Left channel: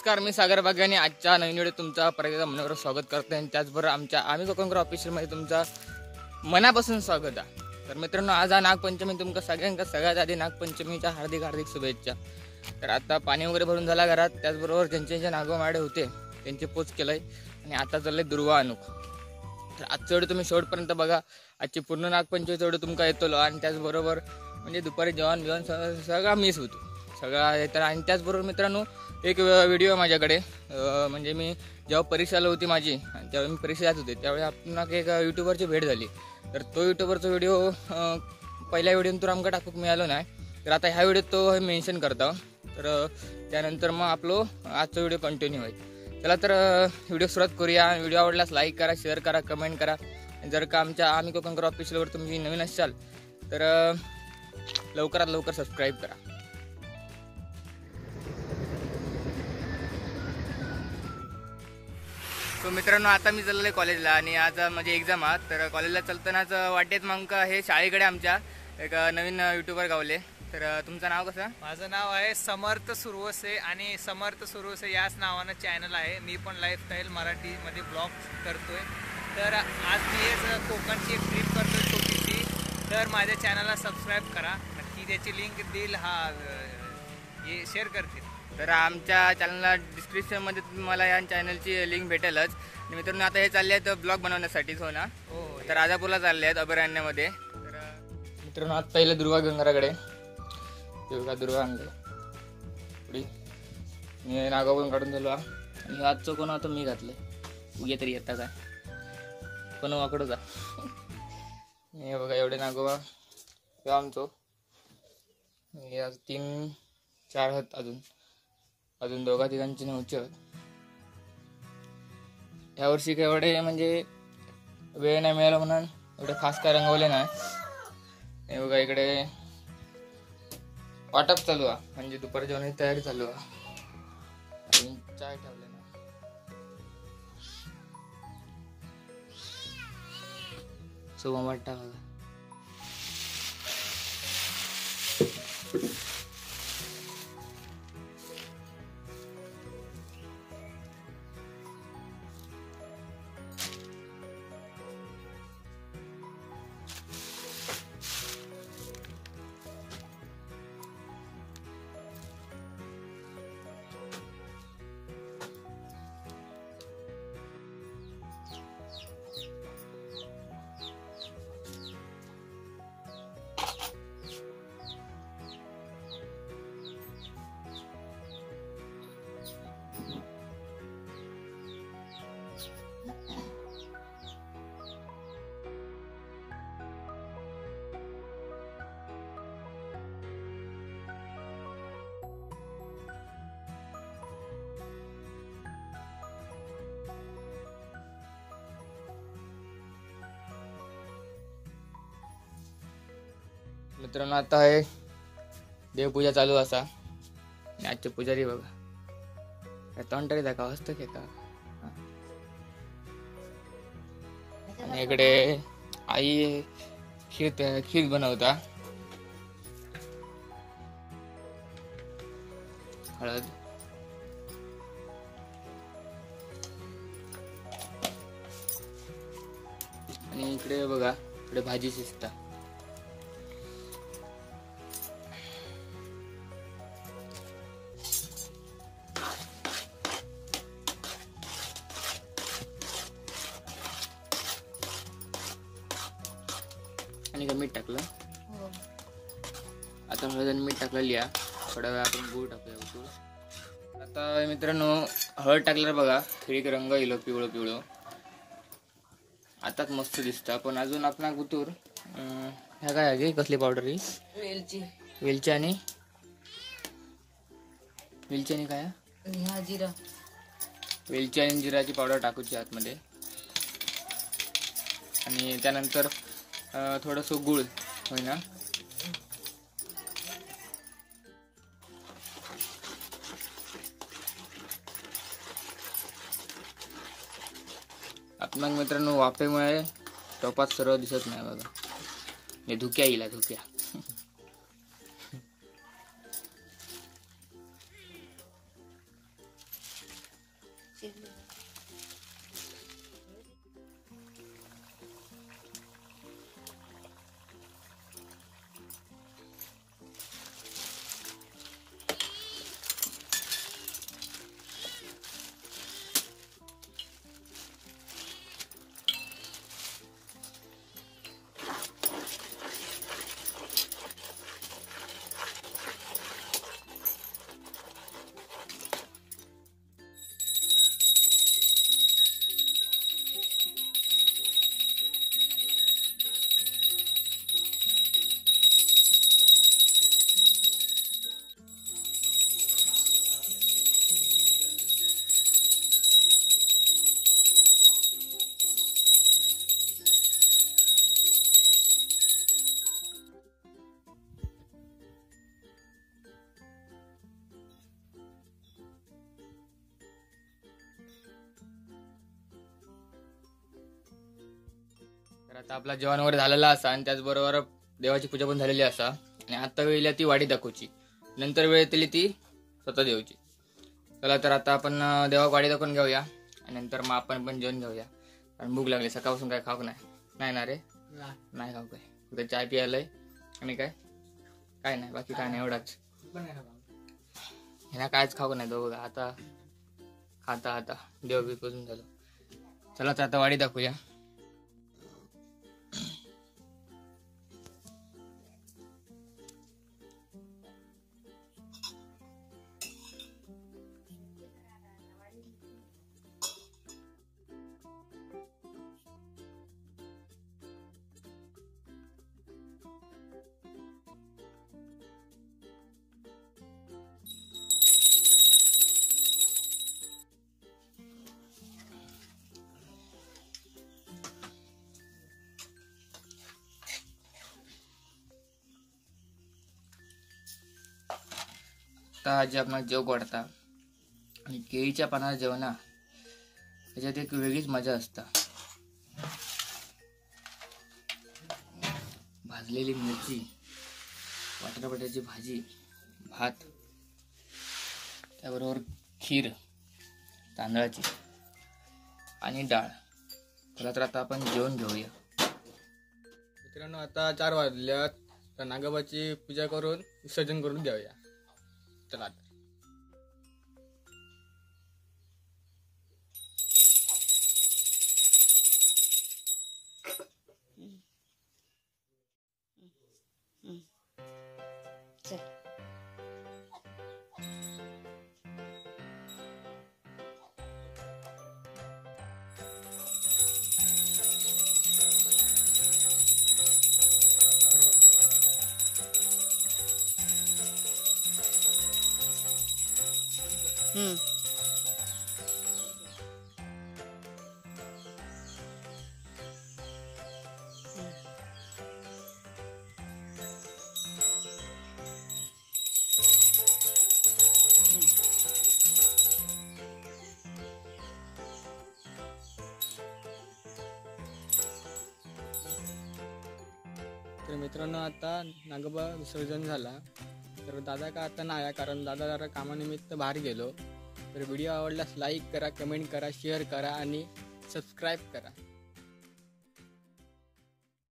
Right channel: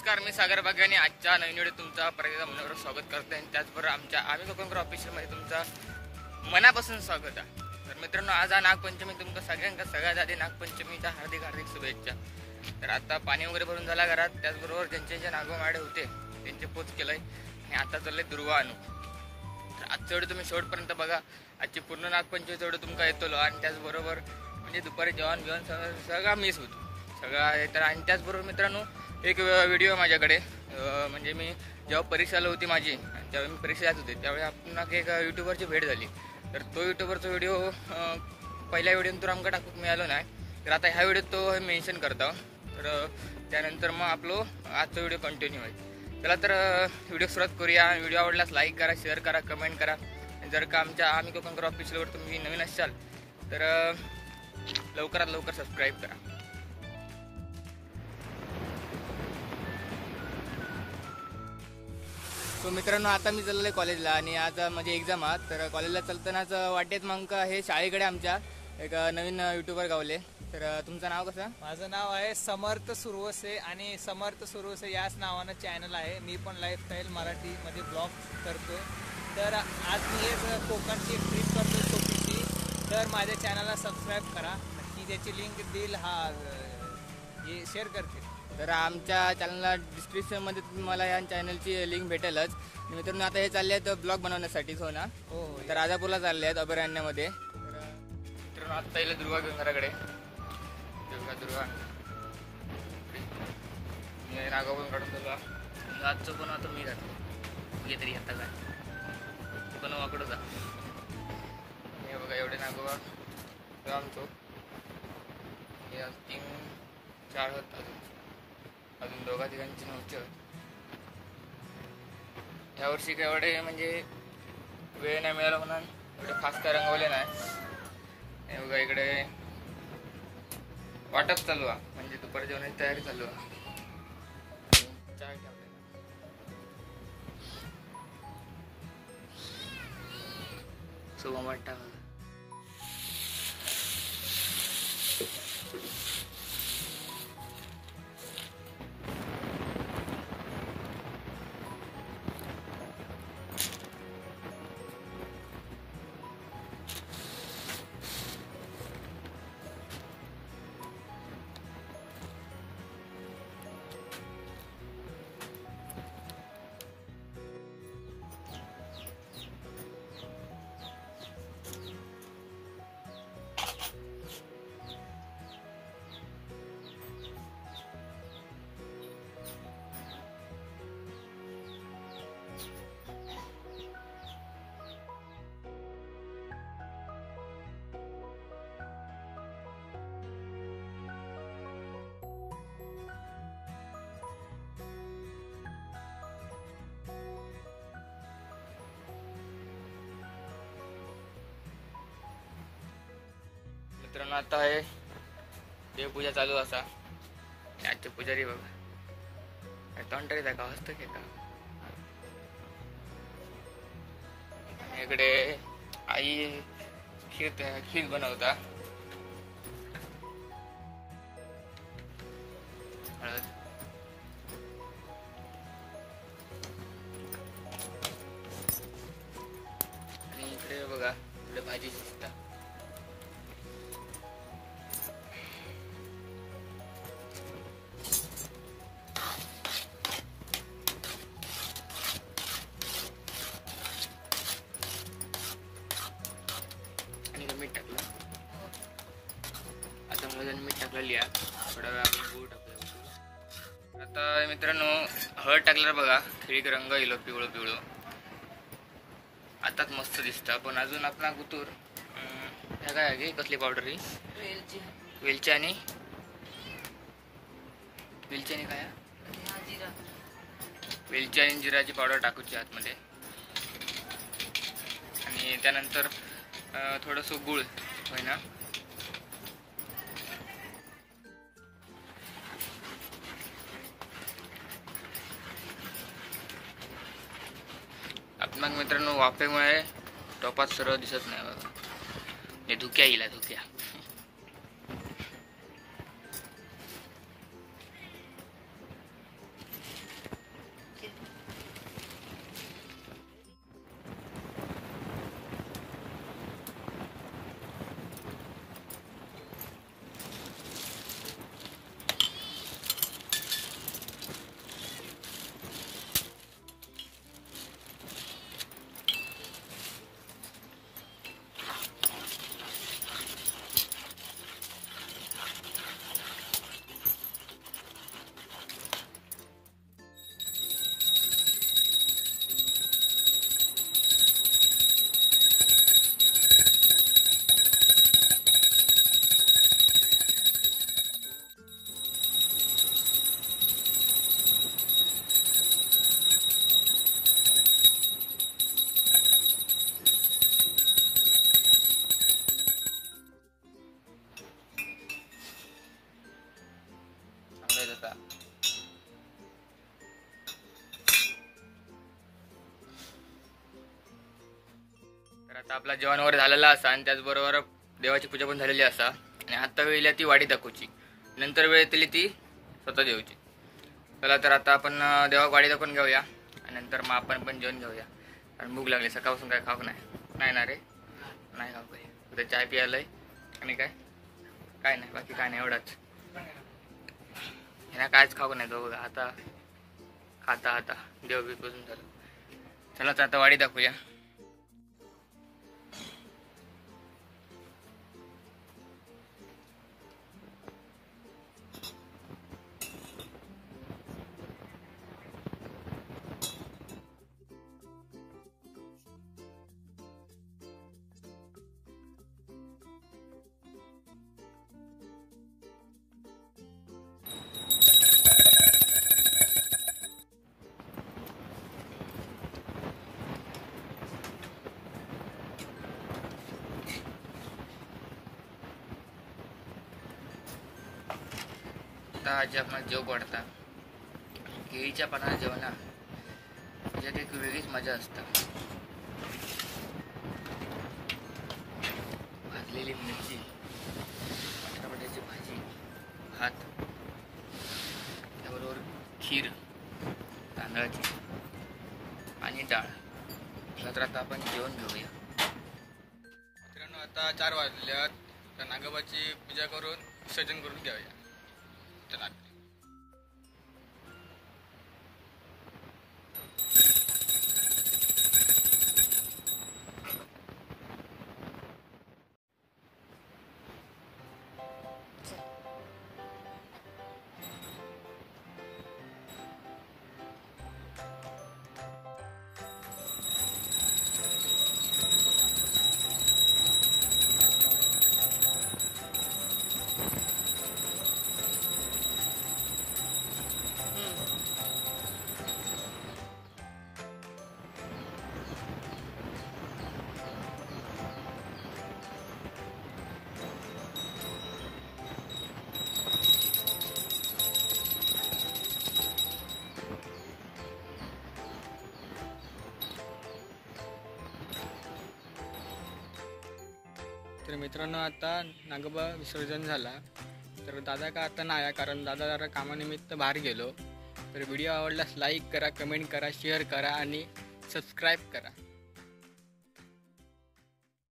नमस्कार, मी सागर बागवानी. आजच्या नवीन व्हिडिओ तुमचा परत मनोर स्वागत करते आणि त्याचबरोबर आमच्या आम्ही कोकणकर ऑफिशियलमध्ये तुमचा मनापासून स्वागत आहे. तर मित्रांनो, आज नागपंचमी. तुमका सगळ्यांका सगळ्यात आधी नागपंचमीच्या हार्दिक हार्दिक शुभेच्छा. तर आता पाणी वगैरे भरून झाला घरात, त्याचबरोबर ज्यांचे नागोमाडे होते त्यांचे पोच केलंय आणि आता चाललंय दुर्वा आणूक. तर आजचं व्हिडिओ तुम्ही शेवटपर्यंत बघा. आजची पूर्ण नागपंचमीचा व्हिडिओ तुमका येतो आणि त्याचबरोबर म्हणजे दुपारी जेवण बिवण सगळा मिस होतो सगळा येतात. आणि त्याचबरोबर मित्रांनो, एक व्हिडिओ माझ्याकडे म्हणजे मी जेव्हा परीक्षाला होती माझी, जेव्हा मी परीक्षा जात होते त्यावेळी आपणाक एक यूट्यूबरची भेट झाली. तर तो यूट्यूबरचा व्हिडिओ पहिल्या व्हिडिओनंतर आमका टाकूक मिळालो नाही. तर आता ह्या व्हिडिओत तो मेन्शन करता. तर त्यानंतर मग आपलो आजचा व्हिडिओ कंटिन्यू होईल. चला तर व्हिडिओ सुरुवात करूया. व्हिडिओ आवडल्यास लाईक करा, शेअर करा, कमेंट करा. जर का आमच्या आम्ही कोकणकर ऑफिशियलवर तुम्ही नवीन असाल तर लवकरात लवकर सबस्क्राईब करा. सो मित्रांनो, आता मी चाललोय कॉलेजला आणि आज माझी एक्झाम आहे. तर कॉलेजला चालतानाच वाटेत मग हे शाळेकडे आमच्या एक नवीन यूट्यूबर गावले. तर तुमचं नाव कसं? माझं नाव आहे समर्थ सुरवसे आणि समर्थ सुरवसे याच नावानं चॅनल आहे. मी पण लाईफस्टाईल मराठीमध्ये ब्लॉग करतोय. तर आज मी हेच कोकणची एक ट्रिप करतोय छोटीशी. तर माझ्या चॅनलला सबस्क्राईब करा नक्की. त्याची लिंक देईल हे शेअर करतील. तर आमच्या चॅनलला डिस्क्रिप्शनमध्ये तुम्हाला या चॅनलची लिंक भेटेलच. आणि मित्रांनो, आता हे चालले आहेत ब्लॉग बनवण्यासाठीच. हो ना? हो. तर राजापूरला चालले आहेत अभयारण्यामध्ये. तर मित्रांनो, आत्ता येईल दुर्वा गंगाराकडे. दुर्गा आणले मी नागावरून काढून झालो. आणि आजचं कोण आता मी घातलं घे तरी येता काय पण वाकडं जा. हे बघा एवढे नागोबा आमचो. आज 3-4 आहेत अजून दोघा तिघांची नव्हती. ह्यावर्षी काय एवढे म्हणजे वेळ नाही मिळाला म्हणून एवढे खास काय रंगवले नाही. हे बघा इकडे वाटप चालू आहे, म्हणजे दुपार जेवणाची तयारी चालू आहे. चहा ठेवले ना सुबह वाटता बघा. मित्रांनो, आता आहे देवपूजा चालू असा. आजचे पुजारी बघा तोंड तरी दाखवा असतं की का. आणि इकडे आई खीर बनवता. हळद आणि इकडे बघा इकडे भाजी शिजता. आणि मीठ टाकलं. आता हळद मीठ टाकलं लिहा. थोडा वेळ आपण गूळ टाकूया. आता मित्रांनो, हळद टाकल्यावर बघा खिळीक रंग येलो पिवळं पिवळं. आताच मस्त दिसतं. पण अजून आपला गुतूर ह्या काय आहे कसली पावडर ही? वेलची आणि काय जिरा. वेलची आणि जिराची पावडर टाकूची आतमध्ये. आणि त्यानंतर थोडंसं गुळ होय ना. मग मित्रांनो, वाफेमुळे टोपात सरळ दिसत नाही बघा. हे धुक्या येईल धुक्या. आता आपला जेवण वगैरे झालेला असा आणि त्याचबरोबर देवाची पूजा पण झालेली असा आणि आता वेळेला ती वाडी दाखवची, नंतर वेळ येतली ती स्वतः देऊची. चला तर आता आपण देवा वाडी दाखवून घेऊया आणि नंतर मग आपण पण जेवण घेऊया. कारण भूक लागली, सकाळपासून काय खाऊ नाही ना रे, नाही खाऊ काय, उद्या चाय पियालंय आणि काय नाही, बाकी काय नाही, एवढाच. ह्यांना कायच खाऊ नाही दोघं आता खाता देव बी बसून झालं. चला तर आता वाडी दाखवूया. आता आजी आपणाला जेव वाढता आणि केळीच्या पानाला जेवणा त्याच्यात एक वेगळीच मजा असता. भाजलेली मिरची, बटाट्याची भाजी, भात, त्याबरोबर खीर तांदळाची आणि डाळ. चला तर आता आपण जेवण घेऊया. मित्रांनो आता 4 वाजल्यात, तर नागोबाची पूजा करून विसर्जन करून घेऊया. चला तर मित्रांनो आता नागोबा विसर्जन झाला. तर दादा का आता नाही, कारण दादा जरा कामानिमित्त बाहेर गेलो. तर व्हिडिओ आवडल्यास लाईक करा, कमेंट करा, शेअर करा आणि सबस्क्राईब करा.